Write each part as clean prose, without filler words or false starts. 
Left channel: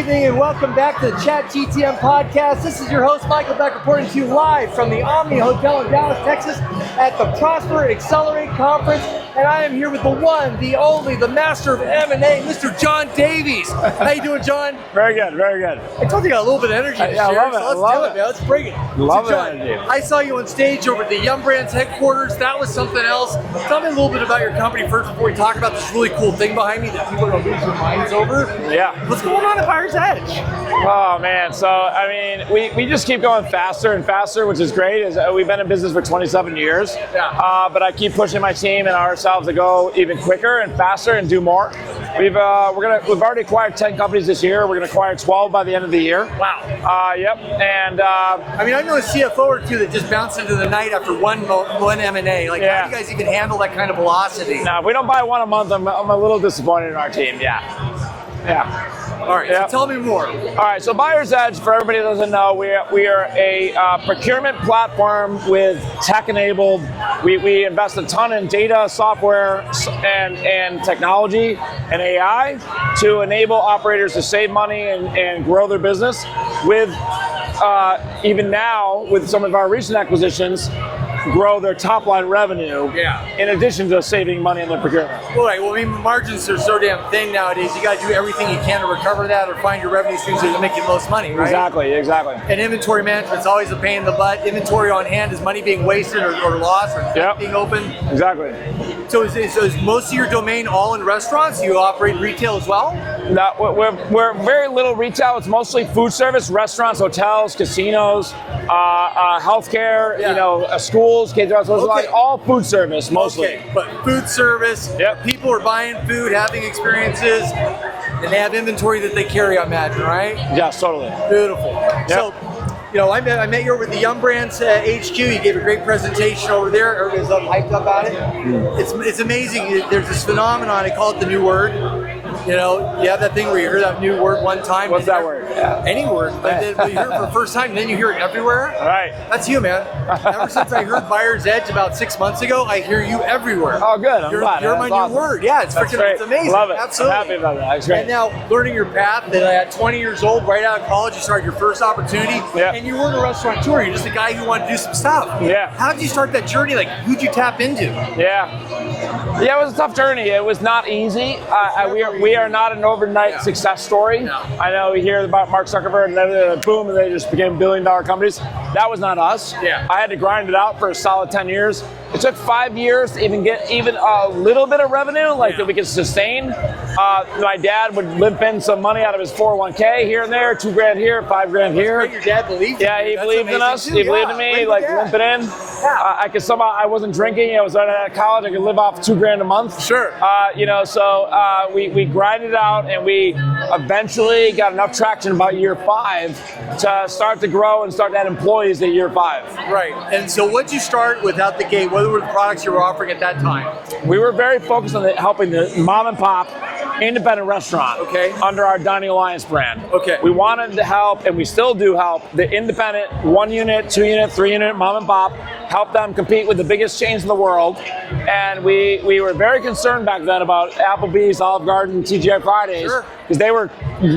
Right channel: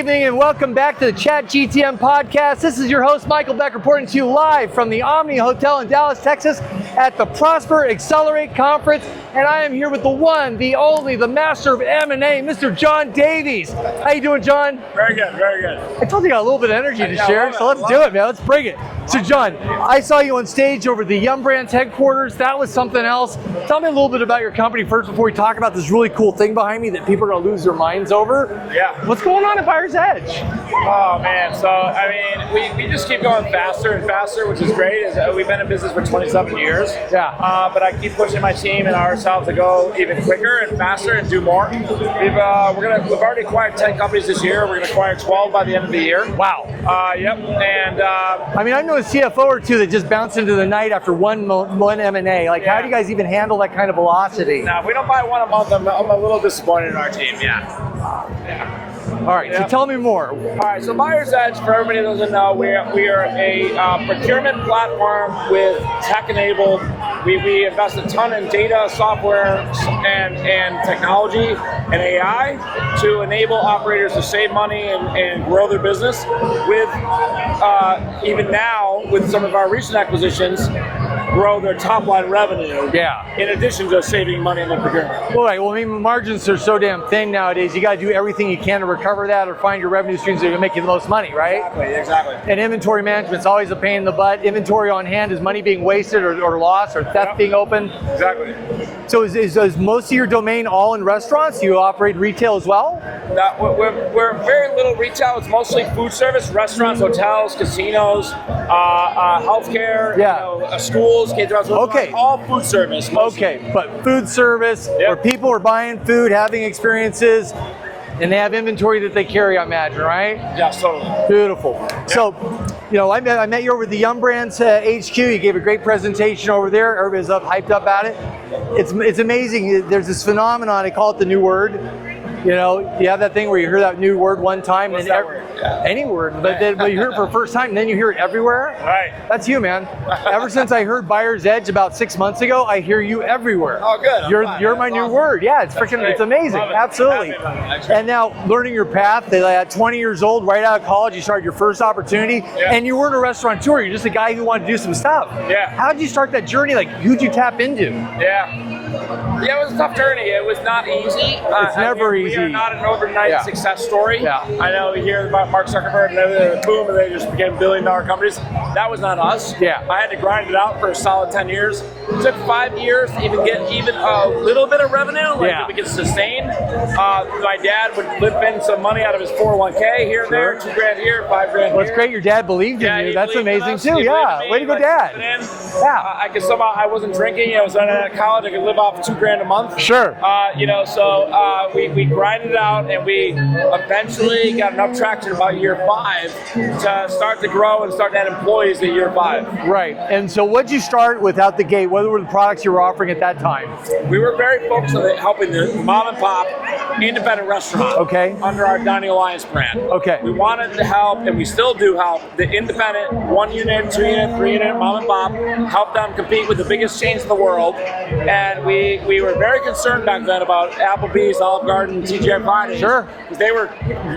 evening and welcome back to the ChatGTM podcast. This is your host, Michael Beck, reporting to you live from the Omni Hotel in Dallas, Texas at the Prosper Accelerate Conference. And I am here with the one, the only, the master of M&A, Mr. John Davie. How you doing, John? Very good, very good. I told you I got a little bit of energy to share, so let's do it, man. Let's bring it. So, John, I saw you on stage over at the Yum Brands headquarters. That was something else. Tell me a little bit about your company first before we talk about this really cool thing behind me that people are going to lose their minds over. Yeah. What's going on at Buyer's Edge? Oh man, so I mean, we just keep going faster and faster, which is great. We've been in business for 27 years. Yeah. But I keep pushing my team and ourselves to go even quicker and faster and do more. We've already acquired 10 companies this year. We're going to acquire 12 by the end of the year. Wow. Yep. And I mean, I know a CFO or two that just bounce into the night after one M&A. Like, how do you guys even handle that kind of velocity? no, if we don't buy one a month, I'm a little disappointed in our team. Yeah. All right, so tell me more. All right, so Buyer's Edge, for everybody that doesn't know, we are a procurement platform with tech-enabled. We invest a ton in data, software, and technology and AI to enable operators to save money and grow their business. With even now, with some of our recent acquisitions, grow their top line revenue. Yeah. In addition to saving money in their procurement. Right. Well, I mean, margins are so damn thin nowadays. You got to do everything you can to recover that or find your revenue streams that you're making the most money, right? Exactly. And inventory management's always a pain in the butt. Inventory on hand is money being wasted or lost or theft being open. Exactly. So is most of your domain all in restaurants? You operate retail as well? No, we're very little retail. It's mostly food service, restaurants, hotels, casinos, healthcare, schools, kids, all food service mostly. Okay, but food service where people are buying food, having experiences, and they have inventory that they carry, I imagine, right? Yes, totally. Beautiful. Yep. So, I met you over at the Yum Brands HQ. You gave a great presentation over there. Everybody's hyped up at it. It's amazing. There's this phenomenon. I call it the new word. You have that thing where you hear that new word one time. What's that word? Any word. But then you hear it for the first time, and then you hear it everywhere. Right. That's you, man. Ever since I heard Buyer's Edge about 6 months ago, I hear you everywhere. Oh, good. You're my new word. Yeah, it's it's amazing. Love it. Absolutely. I'm happy about that. And now, learning your path, at 20 years old, right out of college, you started your first opportunity, and you weren't a restaurateur. You're just a guy who wanted to do some stuff. Yeah. How did you start that journey? Like, who'd you tap into? Yeah, it was a tough journey. It was not easy. It's never easy. We are not an overnight success story. Yeah. I know we hear about Mark Zuckerberg and then boom, and they just became billion-dollar companies. That was not us. Yeah. I had to grind it out for a solid 10 years. It took 5 years to even get a little bit of revenue, that we could sustain. My dad would limp in some money out of his 401k here and there, $2,000 here, $5,000 here. That's great. Your dad believed in you. That's amazing too. He believed in me. Way to go, Dad. Limp it in. I could somehow. I wasn't drinking. I was out of college. I could live off $2,000 a month. Sure. So we grinded it out, and we eventually got enough traction about year 5 to start to grow and start to add employees at year 5. Right. And so, what'd you start with out the gate? What were the products you were offering at that time? We were very focused on helping the mom and pop independent restaurant. Okay. Under our Dining Alliance brand. Okay. We wanted to help, and we still do help, the independent 1 unit, 2 unit, 3 unit mom and pop, help them compete with the biggest chains in the world. And we were very concerned back then about Applebee's, Olive Garden, TGI Fridays. Sure. Because they were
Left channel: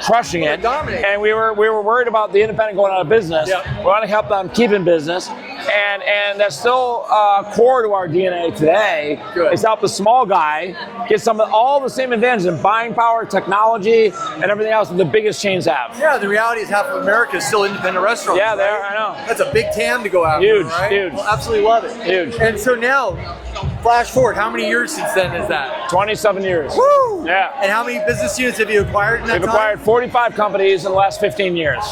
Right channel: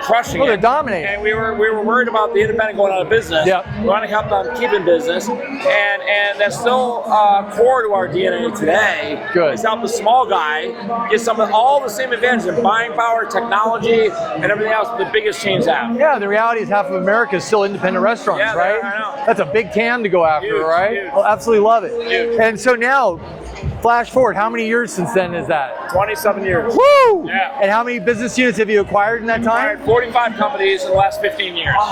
crushing it. They dominated. And we were worried about the independent going out of business. Yep. We want to help them keep in business. And that's still core to our DNA today. Good. Is help the small guy get all the same advantages of buying power, technology, and everything else that the biggest chains have. Yeah, the reality is half of America is still independent restaurants, Yeah, right? I know. That's a big TAM to go after, Huge, right? huge. Well, absolutely love it. Huge. And so now, flash forward, how many years since then is that? 27 years. Woo! Yeah. And how many business units have you acquired in that We've time? acquired 45 companies in the last 15 years.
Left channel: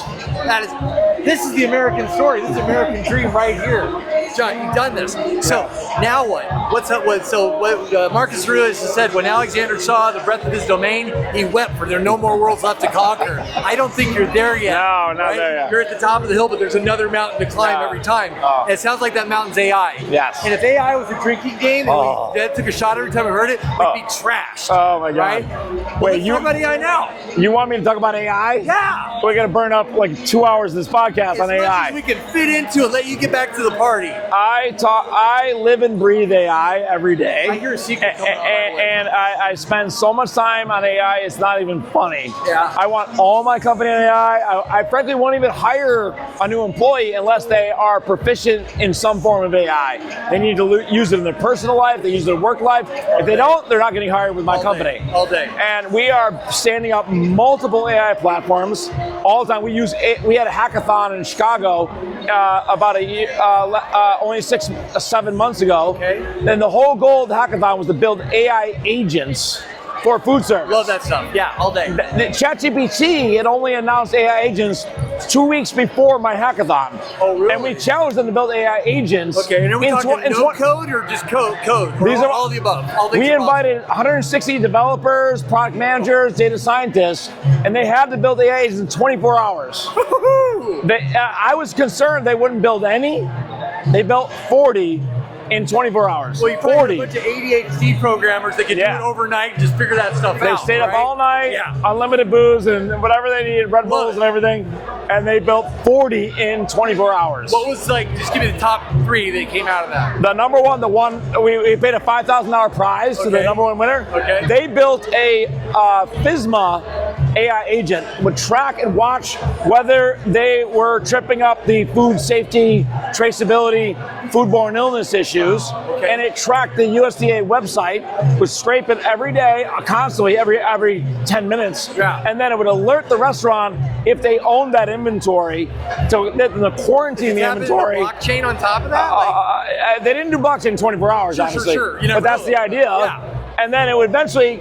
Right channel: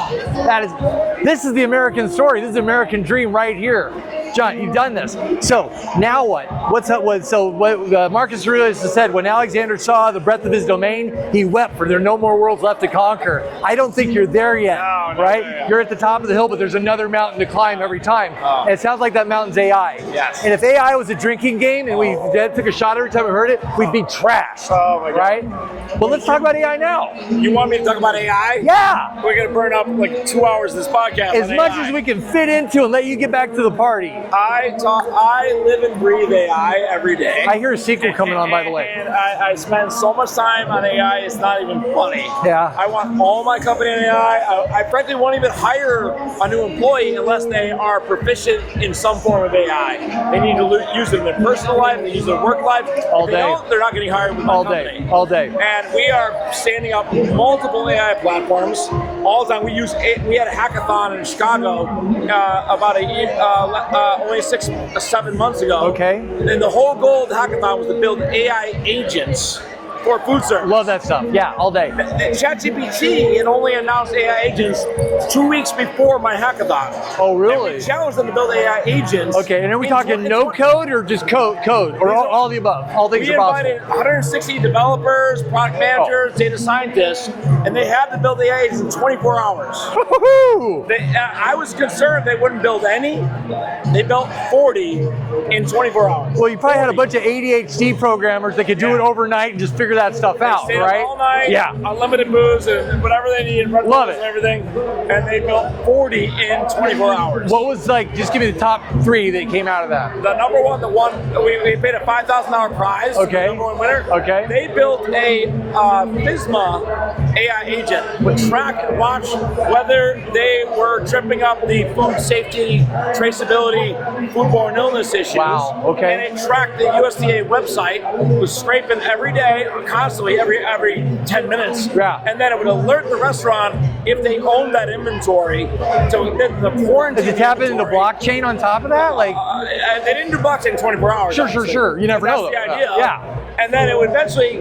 This is the American story. This is the American dream right here. John, you've done this. So now what? What's up? Marcus Aurelius has said, when Alexander saw the breadth of his domain, he wept, for there are no more worlds left to conquer. I don't think you're there yet. No, not right? there yet. You're at the top of the hill, but there's another mountain to climb every time. Oh. And it sounds like that mountain's AI. Yes. And if AI was a drinking game and we took a shot every time we heard it, we'd be trashed. Oh my God. Right? Well, let's talk about AI now. You want me to talk about AI? Yeah. We're going to burn up like 2 hours of this podcast As on much AI. as we can fit into and let you get back to the party. I live and breathe AI every day. I hear a sequel coming on, by the way. And I spend so much time on AI, it's not even funny. Yeah. I want all my company AI. I frankly won't even hire a new employee unless they are proficient in some form of AI. They need to use it in their personal life, they use it in their work life. If they don't, they're not getting hired with my company. All day. And we are standing up multiple AI platforms all the time. We had a hackathon in Chicago about a year, only 6-7 months ago. Okay. And the whole goal of the hackathon was to build AI agents for food service. Love that stuff. Yeah, all day. The ChatGPT had only announced AI agents 2 weeks before my hackathon. Oh, really? And we challenged them to build AI agents. Okay, and are we talking no code or just code? Or These are all the above. All things we invited 160 developers, product managers, data scientists, and they had to build AI agents in 24 hours. I was concerned they wouldn't build any. They built 40 in 24 hours. Well, you probably had a bunch of ADHD programmers that could do it overnight and just figure that stuff out. They stayed up all night, unlimited booze and whatever they needed, Red Bulls and everything, and they built 40 in 24 hours. What was just give me the top 3 that came out of that? The number one, we paid a $5,000 prize to the number one winner. Okay. They built a FSMA AI agent, would track and watch whether they were tripping up the food safety, traceability, foodborne illness issues. Wow. Okay. And it tracked the USDA website, was scraping every day, constantly, every 10 minutes. Yeah. And then it would alert the restaurant if they owned that inventory to the quarantine. Does it tap into the blockchain on top of that? They didn't do blockchain in 24 hours. Sure. You never but that's know. the idea. Yeah. And then it would eventually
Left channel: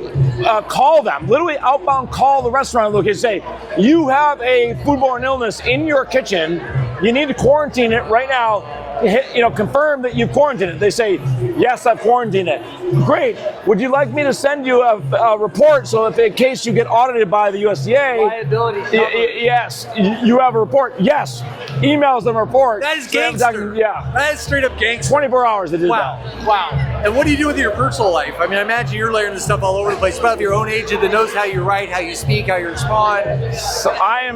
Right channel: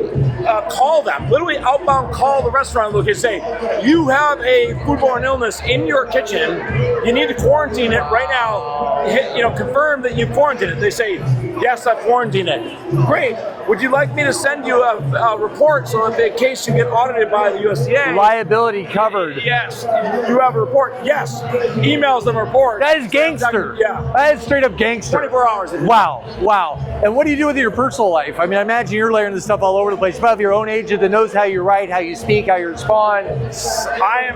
call them, literally outbound call the restaurant look and say, you have a foodborne illness in your kitchen, you need to quarantine it right now, confirm that you quarantined it. They say, yes, I've quarantined it. Great, would you like me to send you a report so that in case you get audited by the USDA, liability covered? Yes, you have a report. Yes, emails them a report. That is gangster. That is straight up gangster. 24 hours. Wow. And what do you do with your personal life? I mean, I imagine you're layering this stuff all over the place. You have your own agent that knows how you write, how you speak, how you respond. So I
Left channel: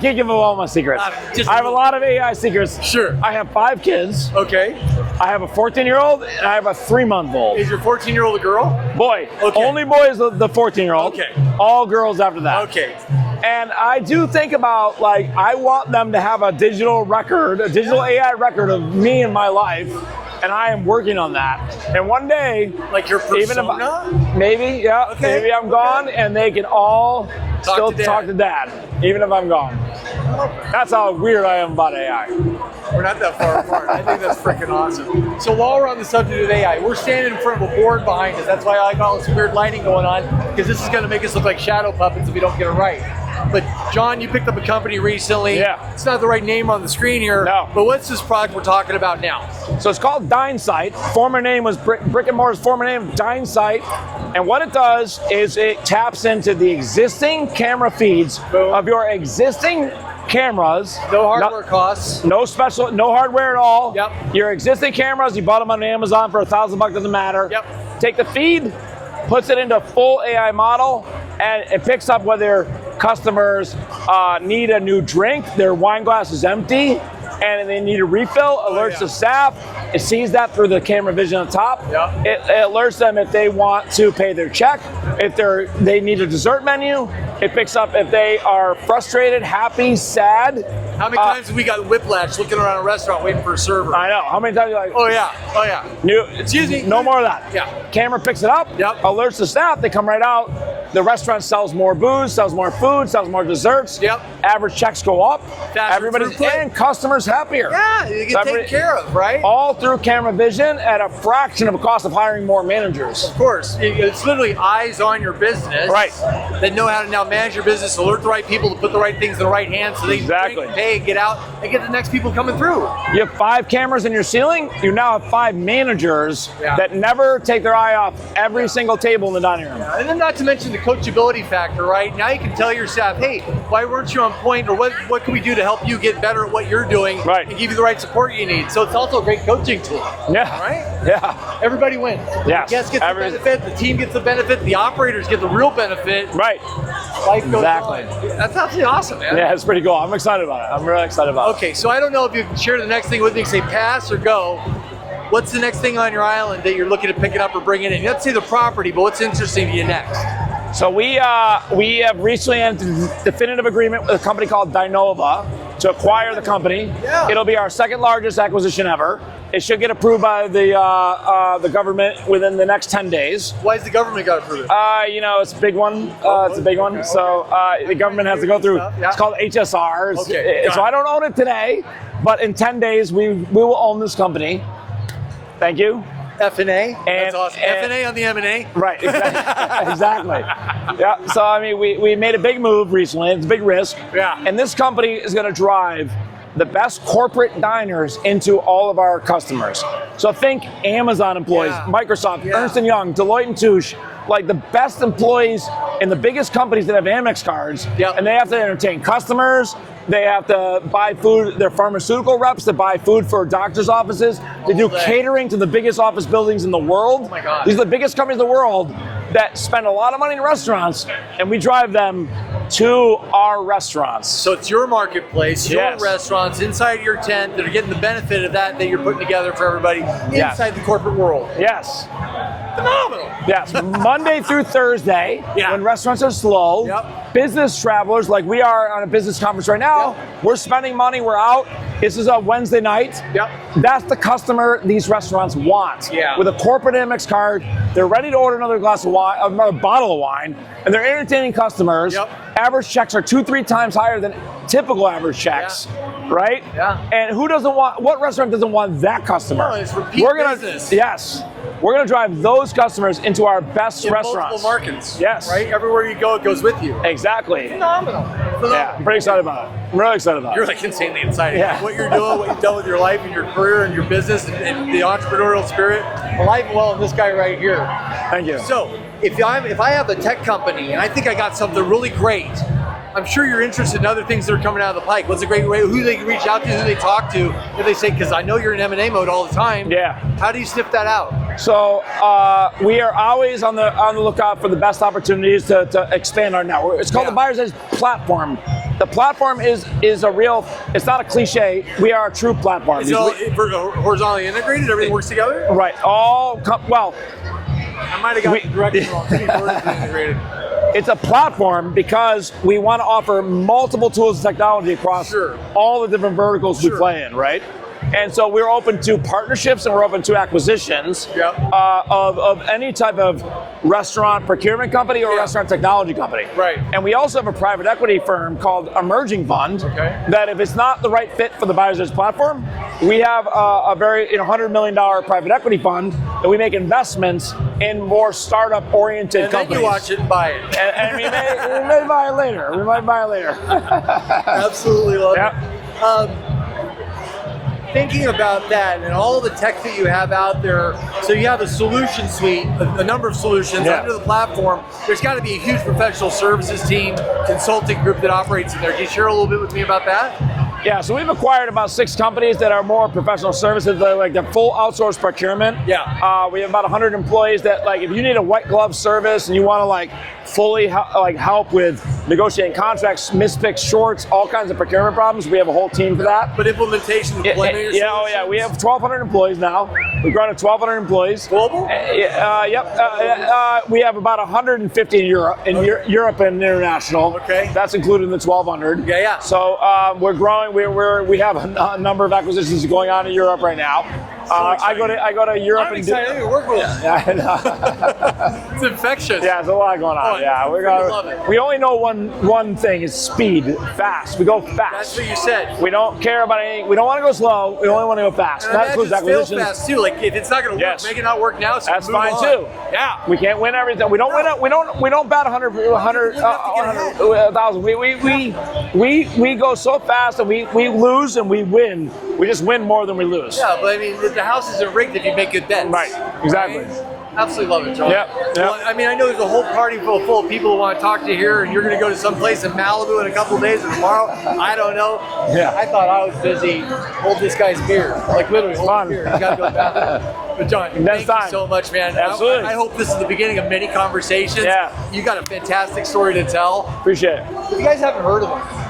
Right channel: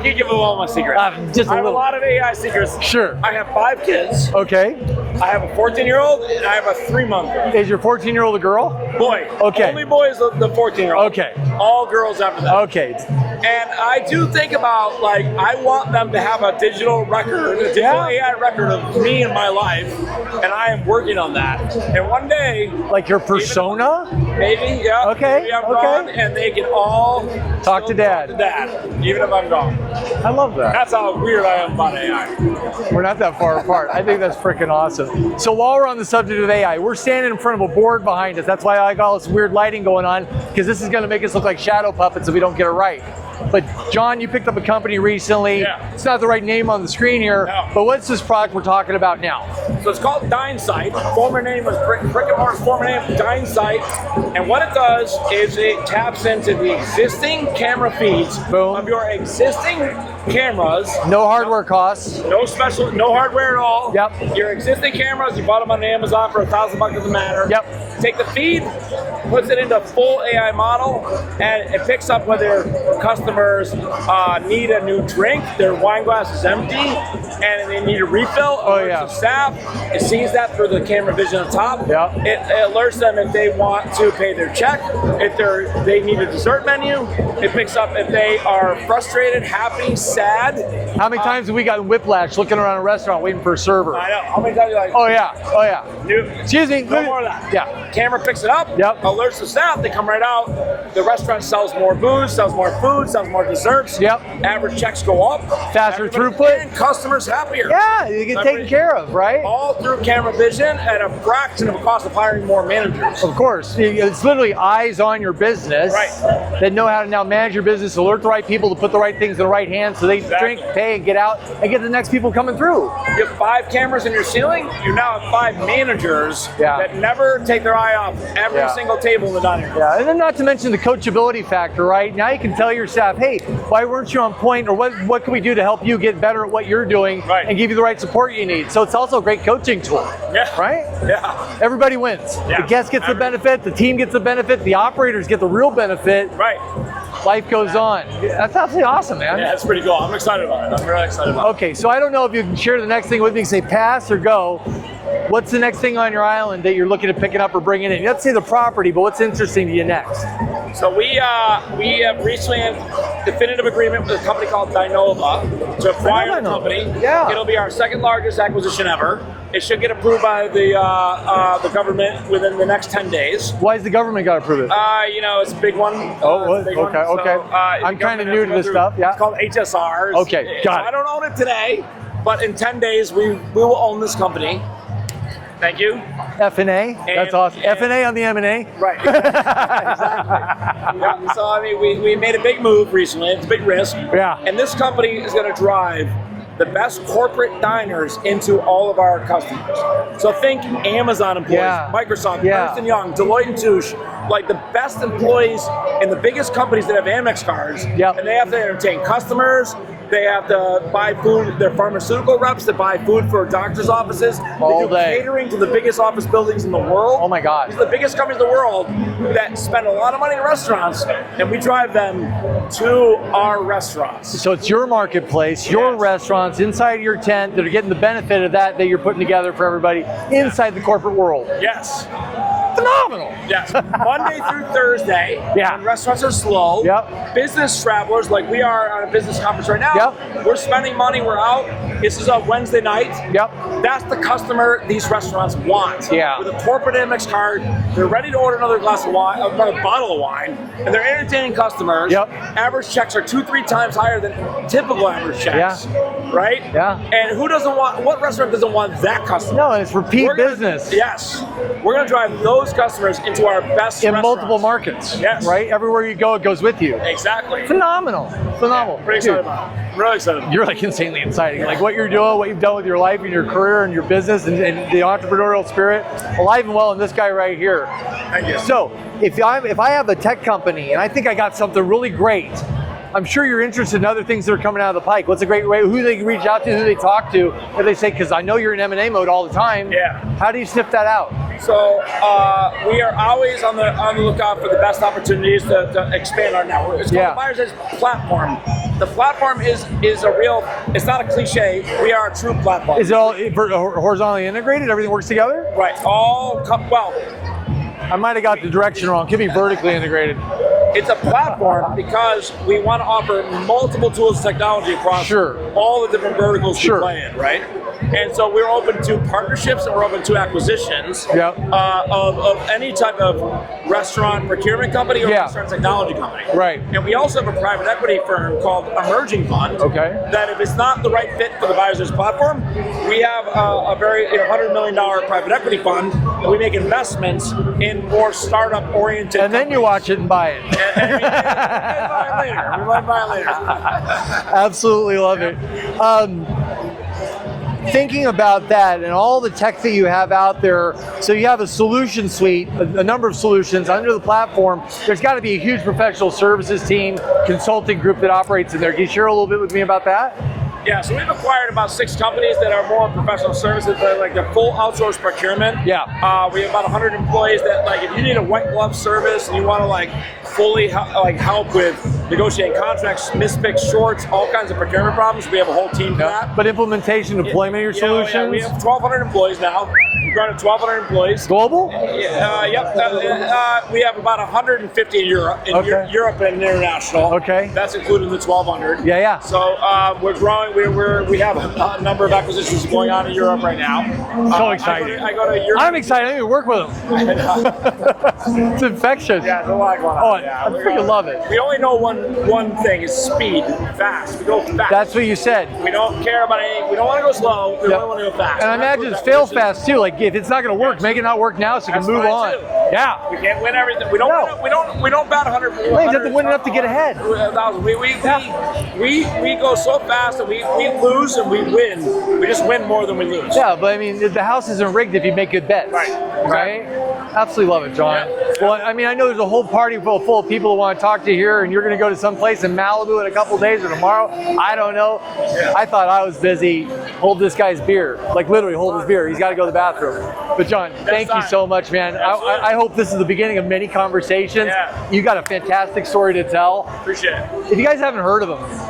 can't give away all my secrets. I have a lot of AI secrets. Sure. I have 5 kids. Okay. I have a 14-year-old and I have a 3-month-old. Is your 14-year-old a girl? Boy. Okay. Only boy is the 14-year-old. Okay. All girls after that. Okay. And I do think about, I want them to have a digital record, a digital AI record of me and my life, and I am working on that. And one day, like your persona? Maybe I'm gone, and they can all talk to dad, even if I'm gone. I love that. That's how weird I am about AI. We're not that far apart. I think that's freaking awesome. So while we're on the subject of AI, we're standing in front of a board behind us. That's why I like all this weird lighting going on, because this is going to make us look like shadow puppets if we don't get it right. But John, you picked up a company recently. Yeah. It's not the right name on the screen here. No. But what's this product we're talking about now? So it's called DineSight. Former name was Brick and Mortar's former name, DineSight. And what it does is it taps into the existing camera feeds of your existing cameras. No hardware costs. No hardware at all. Yep. Your existing cameras, you bought them on Amazon for $1,000, doesn't matter. Yep. Take the feed, puts it into full AI model, and it picks up whether customers need a new drink, their wine glass is empty, and they need a refill, alerts the staff. It sees that through the camera vision on top. It alerts them if they want to pay their check, if they need a dessert menu. It picks up if they are frustrated, happy, sad. How many times have we got whiplash looking around a restaurant waiting for a server? I know. How many times are you like, oh yeah. Excuse me, no more of that. Yeah. Camera picks it up, alerts the staff, they come right out. The restaurant sells more booze, sells more food, sells more desserts. Average checks go up. Faster throughput. And customers happier. Yeah, you get taken care of, right? All through camera vision at a fraction of the cost of hiring more managers. Of course. It's literally eyes on your business. Right. That know how to now manage your business, alert the right people to put the right things in the right hands so they drink, pay, get out, and get the next people coming through. You have 5 cameras in your ceiling, you now have 5 managers that never take their eye off every single table in the dining room. Yeah, and then not to mention the coachability factor, right? Now you can tell your staff, hey, why weren't you on point, or what can we do to help you get better at what you're doing, and give you the right support you need. So it's also a great coaching tool, right? Yeah. Everybody wins. Yeah. The guest gets the benefit, the team gets the benefit, the operators get the real benefit. Right. Life goes on. That's absolutely awesome, man. Yeah, it's pretty cool. I'm excited about it. I'm really excited about it. Okay, so I don't know if you can share the next thing with me, say pass or go. What's the next thing on your island that you're looking to pick it up or bring it in? Let's say the property, but what's interesting to you next? So we have recently entered a definitive agreement with a company called Dinova to acquire the company. Yeah. It'll be our second largest acquisition ever. It should get approved by the government within the next 10 days. Why has the government got to approve it? It's a big one. It's a big one. Okay. So the government has to go through. Stuff. Yeah. It's called HSR. Okay. So I don't own it today, but in 10 days we will own this company. Thank you. F&A. That's awesome. F&A on the M&A. Right. Exactly. Yeah. So I mean, we made a big move recently. It's a big risk. Yeah. And this company is going to drive the best corporate diners into all of our customers. So think Amazon employees, Microsoft, Ernst & Young, Deloitte and Touche, like the best employees in the biggest companies that have Amex cards. And they have to entertain customers. They have to buy food. They're pharmaceutical reps that buy food for doctors' offices. They do catering to the biggest office buildings in the world. Oh my God. These are the biggest companies in the world that spend a lot of money in restaurants, and we drive them to our restaurants. So it's your marketplace, your restaurants inside your tent that are getting the benefit of that you're putting together for everybody inside the corporate world. Yes. Phenomenal. Yes, Monday through Thursday, when restaurants are slow, business travelers, like we are on a business conference right now, we're spending money, we're out. This is a Wednesday night. That's the customer these restaurants want. With a corporate Amex card, they're ready to order another glass of wine, another bottle of wine, and they're entertaining customers. Average checks are 2-3 times higher than typical average checks. Right? And who doesn't want, what restaurant doesn't want that customer? No, it's repeat business. Yes. We're going to drive those customers into our best in restaurants. multiple markets. Yes. Right? Everywhere you go, it goes with you. Exactly. Phenomenal. Yeah, I'm pretty excited about it. I'm really excited about it. You're like insanely excited. Like what you're doing, what you've done with your life and your career and your business and the entrepreneurial spirit, alive and well in this guy right here. Thank you. So if I have a tech company and I think I got something really great, I'm sure you're interested in other things that are coming out of the pike. What's a great way? Who they can reach out to? Who they talk to? And they say, because I know you're in M&A mode all the time. How do you sniff that out? So we are always on the lookout for the best opportunities to expand our network. It's called the Buyer's Edge platform. The platform is a real. It's not a cliche. We are a true platform. Is it all horizontally integrated? Everything works together? Right. I might have got the direction wrong. It could be vertically integrated. It's a platform because we want to offer multiple tools and technology across all the different verticals we play in, right? And so we're open to partnerships and we're open to acquisitions of any type of restaurant procurement company or restaurant technology company. Right. And we also have a private equity firm called Emerging Fund that if it's not the right fit for the Buyer's Edge platform, we have a very $100 million private equity fund that we make investments in more startup-oriented companies. And then you watch it and buy it. And we might buy it later. We might buy it later. Absolutely love it. Thinking about that and all the tech that you have out there, so you have a solution suite, a number of solutions under the platform. There's got to be a huge professional services team, consulting group that operates in there. Can you share a little bit with me about that? Yeah, so we've acquired about 6 companies that are more professional services. They're like the full outsourced procurement. We have about 100 employees that, like, if you need a white glove service and you want to like fully help with negotiating contracts, misfix shorts, all kinds of procurement problems, we have a whole team for that. But implementation, deployment of your solutions? Yeah, we have 1,200 employees now. We've grown to 1,200 employees. Global? We have about 150 in Europe, Europe and international. That's included in the 1,200. So we're growing. We have a number of acquisitions going on in Europe right now. So excited. I go to Europe. I'm excited to work with them. It's infectious. Yeah, there's a lot going on. I freaking love it. We only know one thing is speed, fast. We go fast. That's what you said. We don't care about anything. We don't want to go slow. We only want to go fast. And I imagine it's fail fast too. Like if it's not going to work, make it not work now so you can move on. Too. Yeah, we can't win everything. We don't win. We don't bat 100. You have to win enough to get ahead. 1,000. We go so fast and we lose and we win. We just win more than we lose. Yeah, but I mean, the house isn't rigged if you make good bets. Right. Exactly. Right? Absolutely love it, John. Yeah. Well, I mean, I know there's a whole party full of people who want to talk to you here, and you're going to go to some place in Malibu in a couple of days or tomorrow. I don't know. Yeah. I thought I was busy. Hold this guy's beer. Like literally, hold his beer. He's got to go to the bathroom. But John, thank you so much, man. I hope this is the beginning of many conversations. Yeah. You got a fantastic story to tell. Appreciate it. If you guys haven't heard of him,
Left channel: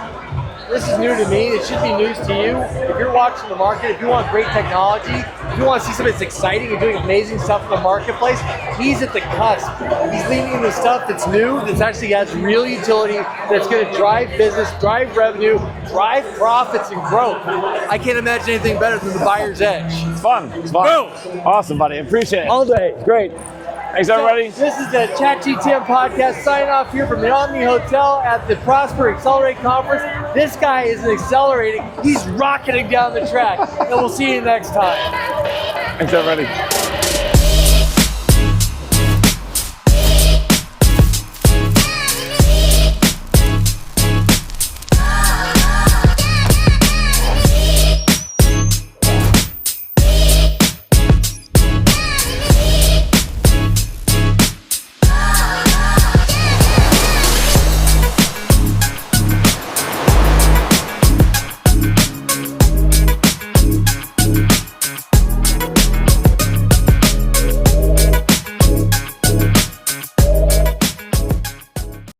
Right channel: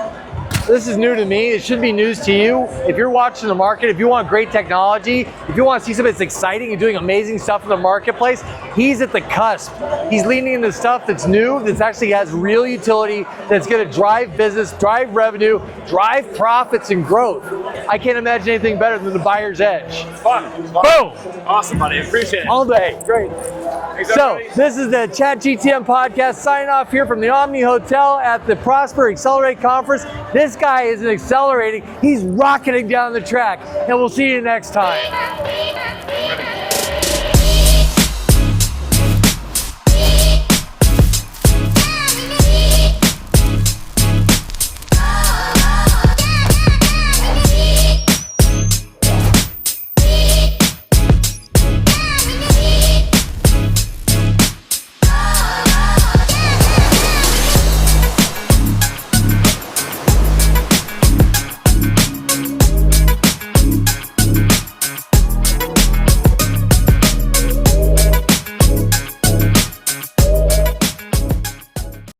this is new to me. It should be news to you. If you're watching the market, if you want great technology, if you want to see somebody that's exciting and doing amazing stuff in the marketplace, he's at the cusp. He's leaning into stuff that's new, that's actually has real utility, that's going to drive business, drive revenue, drive profits and growth. I can't imagine anything better than the buyer's edge. It's fun. It's fun. Boom! Awesome, buddy. Appreciate it. All day. Great. Thanks, So, everybody. this is the ChatGTM podcast. Signing off here from the Omni Hotel at the Prosper Accelerate Conference. This guy is accelerating. He's rocketing down the track. And we'll see you next time. Thanks, everybody.